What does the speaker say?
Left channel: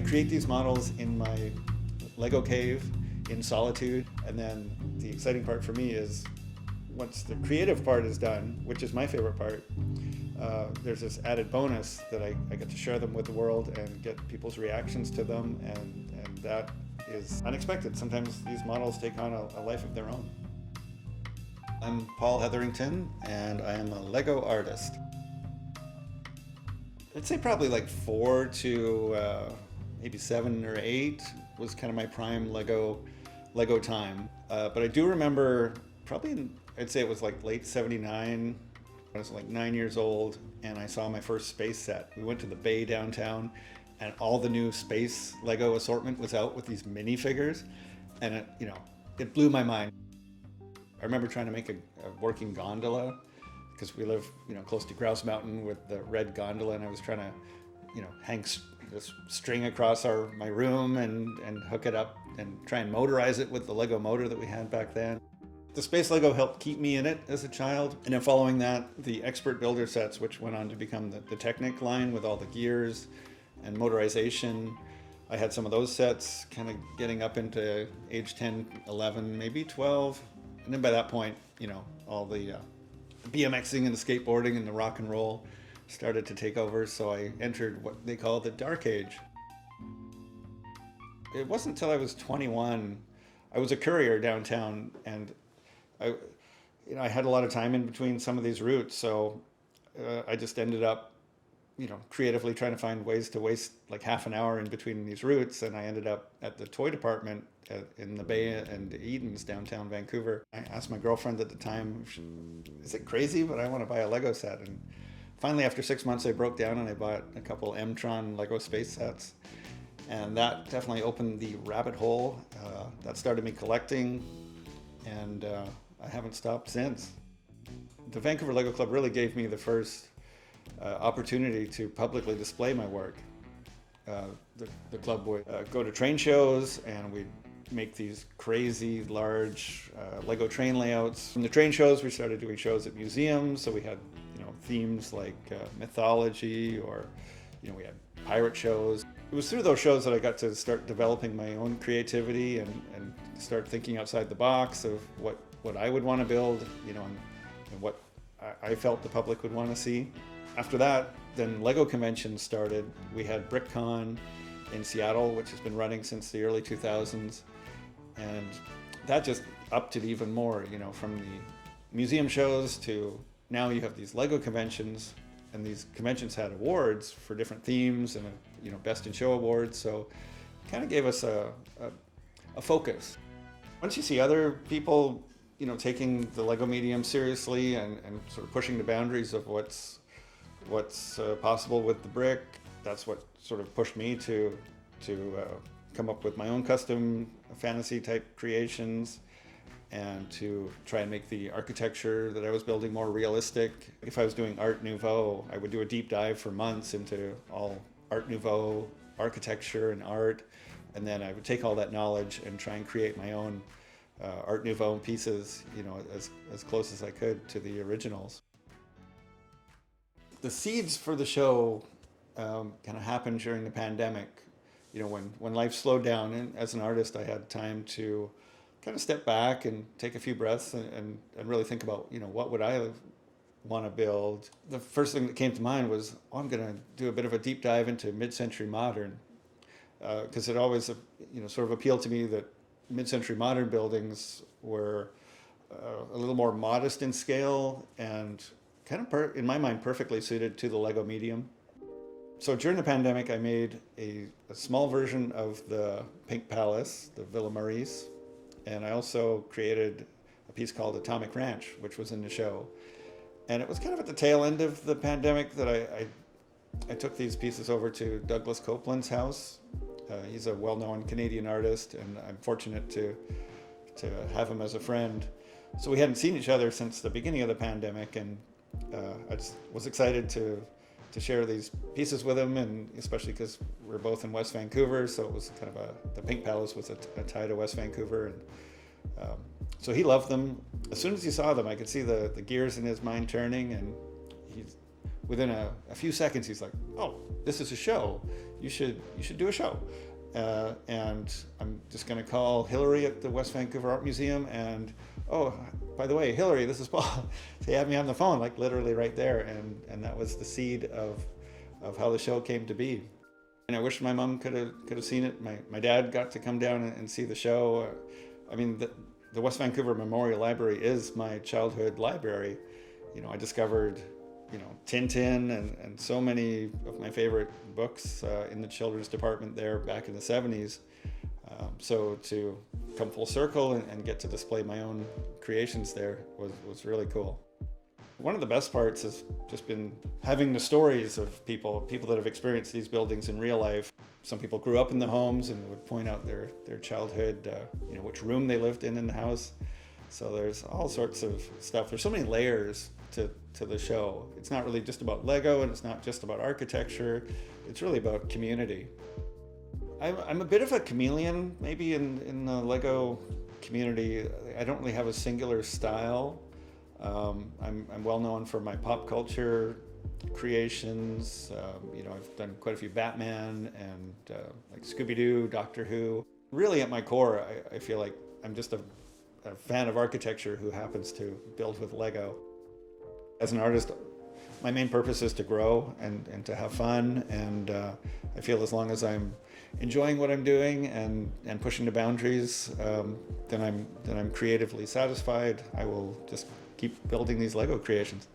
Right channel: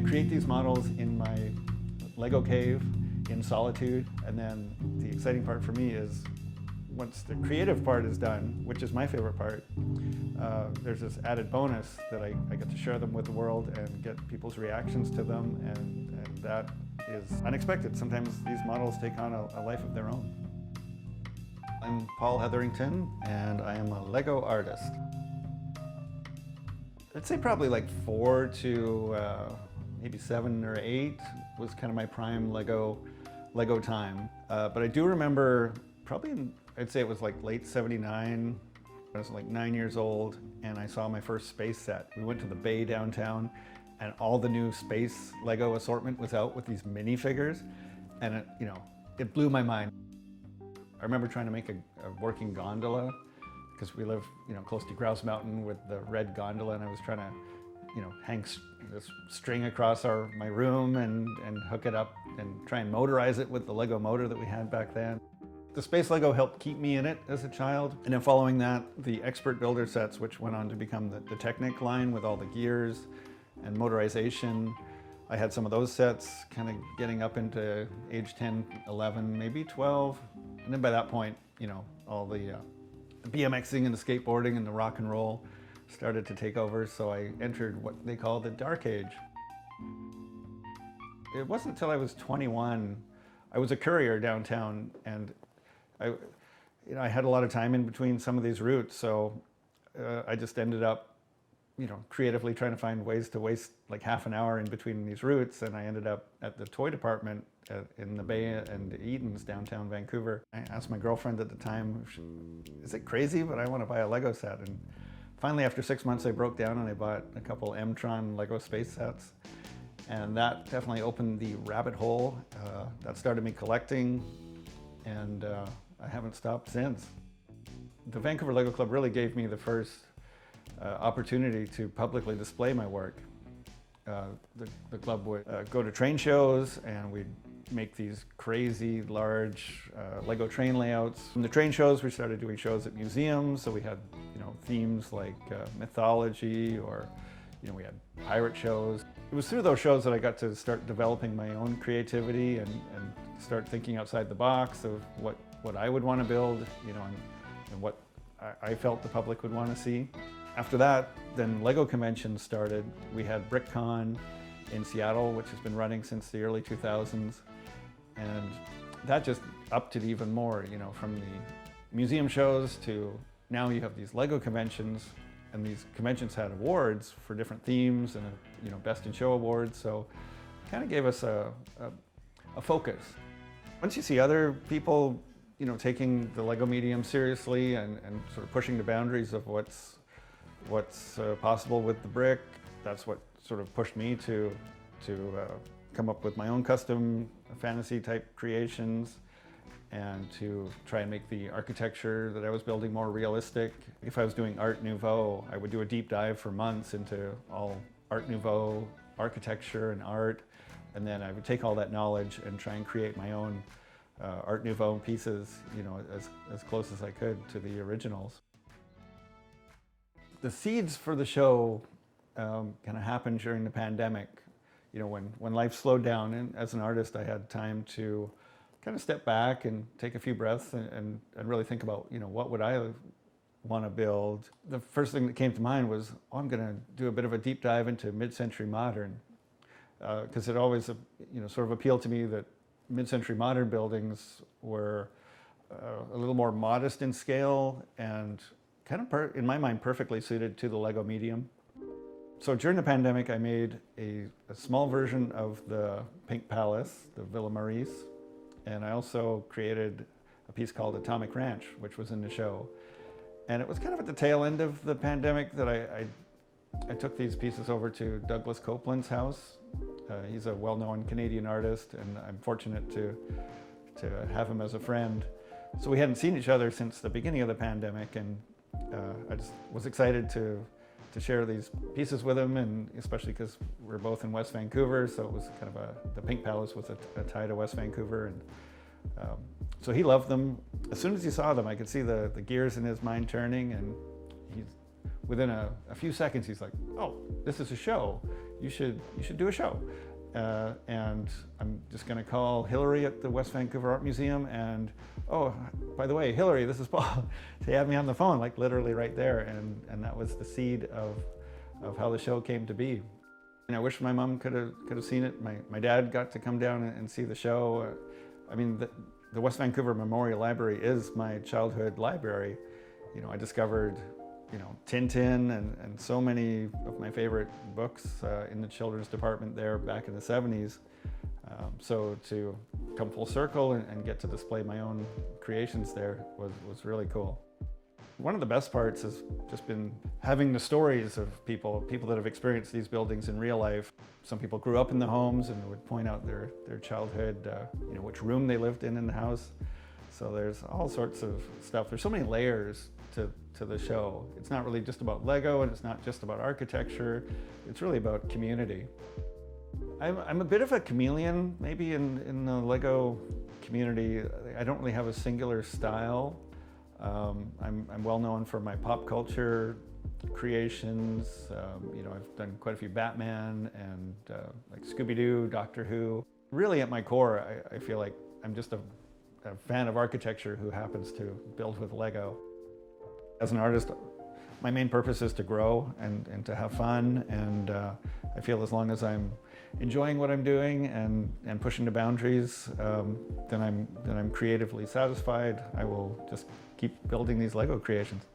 I create these models in my Lego cave in solitude, and then the exciting part for me is once the creative part is done, which is my favorite part, there's this added bonus that I get to share them with the world and get people's reactions to them, and that is unexpected. Sometimes these models take on a life of their own. I'm Paul Hetherington, and I am a Lego artist. I'd say probably like 4 to maybe 7 or 8 was kind of my prime Lego time. But I do remember probably I'd say it was like late 79. I was like 9 years old, and I saw my first space set. We went to the Bay downtown, and all the new space Lego assortment was out with these minifigures, and it blew my mind. I remember trying to make a working gondola, because we live close to Grouse Mountain with the red gondola, and I was trying to hang this string across my room and hook it up and try and motorize it with the Lego motor that we had back then. The space Lego helped keep me in it as a child, and then following that, the expert builder sets, which went on to become the Technic line with all the gears and motorization. I had some of those sets, kind of getting up into age 10, 11, maybe 12. And then by that point, all the BMXing and the skateboarding and the rock and roll started to take over, so I entered what they call the dark age. It wasn't until I was 21, I was a courier downtown, and I had a lot of time in between some of these routes, so I just ended up creatively trying to find ways to waste like half an hour in between these routes, and I ended up at the toy department in the Bay and Edens, downtown Vancouver. I asked my girlfriend at the time, is it crazy, but I want to buy a Lego set? And finally, after 6 months, I broke down and I bought a couple M-Tron Lego space sets. And that definitely opened the rabbit hole. That started me collecting, and I haven't stopped since. The Vancouver Lego Club really gave me the first opportunity to publicly display my work. The club would go to train shows, and we'd make these crazy large Lego train layouts. From the train shows, we started doing shows at museums, so we had themes like mythology, or we had pirate shows. It was through those shows that I got to start developing my own creativity and start thinking outside the box of what I would want to build, and what I felt the public would want to see. After that, then Lego conventions started. We had BrickCon in Seattle, which has been running since the early 2000s, and that just upped it even more, from the museum shows to now you have these Lego conventions, and these conventions had awards for different themes and best in show awards, so it kind of gave us a focus. Once you see other people taking the Lego medium seriously and sort of pushing the boundaries of what's possible with the brick, that's what sort of pushed me to come up with my own custom fantasy type creations, and to try and make the architecture that I was building more realistic. If I was doing Art Nouveau, I would do a deep dive for months into all Art Nouveau architecture and art, and then I would take all that knowledge and try and create my own Art Nouveau pieces, as close as I could to the originals. The seeds for the show kind of happened during the pandemic. When life slowed down, and as an artist, I had time to kind of step back and take a few breaths and really think about, what would I want to build. The first thing that came to mind was, I'm going to do a bit of a deep dive into mid-century modern, because it always, sort of appealed to me that mid-century modern buildings were a little more modest in scale and kind of, in my mind, perfectly suited to the Lego medium. So during the pandemic, I made a small version of the Pink Palace, the Villa Maurice, and I also created a piece called Atomic Ranch, which was in the show. And it was kind of at the tail end of the pandemic that I took these pieces over to Douglas Copeland's house. He's a well-known Canadian artist, and I'm fortunate to have him as a friend. So we hadn't seen each other since the beginning of the pandemic, and I just was excited to share these pieces with him, and especially because we're both in West Vancouver, so it was kind of the Pink Palace was a tie to West Vancouver, and so he loved them. As soon as he saw them, I could see the gears in his mind turning, and within a few seconds, he's like, "Oh, this is a show. you should do a show. And I'm just going to call Hillary at the West Vancouver Art Museum, and oh, by the way, Hillary, this is Paul. They had me on the phone, like literally right there, and that was the seed of how the show came to be. And I wish my mom could have seen it. My dad got to come down and see the show. I mean, the West Vancouver Memorial Library is my childhood library. You know, I discovered, you know, Tintin and so many of my favorite books in the children's department there back in the 70s. So to come full circle and get to display my own creations there was really cool. One of the best parts has just been having the stories of people that have experienced these buildings in real life. Some people grew up in the homes and would point out their childhood, you know, which room they lived in the house. So there's all sorts of stuff. There's so many layers to the show. It's not really just about Lego, and it's not just about architecture. It's really about community. I'm a bit of a chameleon, maybe in the Lego community. I don't really have a singular style. I'm well known for my pop culture creations. You know, I've done quite a few Batman and like Scooby-Doo, Doctor Who. Really, at my core, I feel like I'm just a fan of architecture who happens to build with Lego. As an artist, my main purpose is to grow and to have fun, and I feel as long as I'm enjoying what I'm doing and pushing the boundaries, then I'm creatively satisfied. I will just keep building these Lego creations.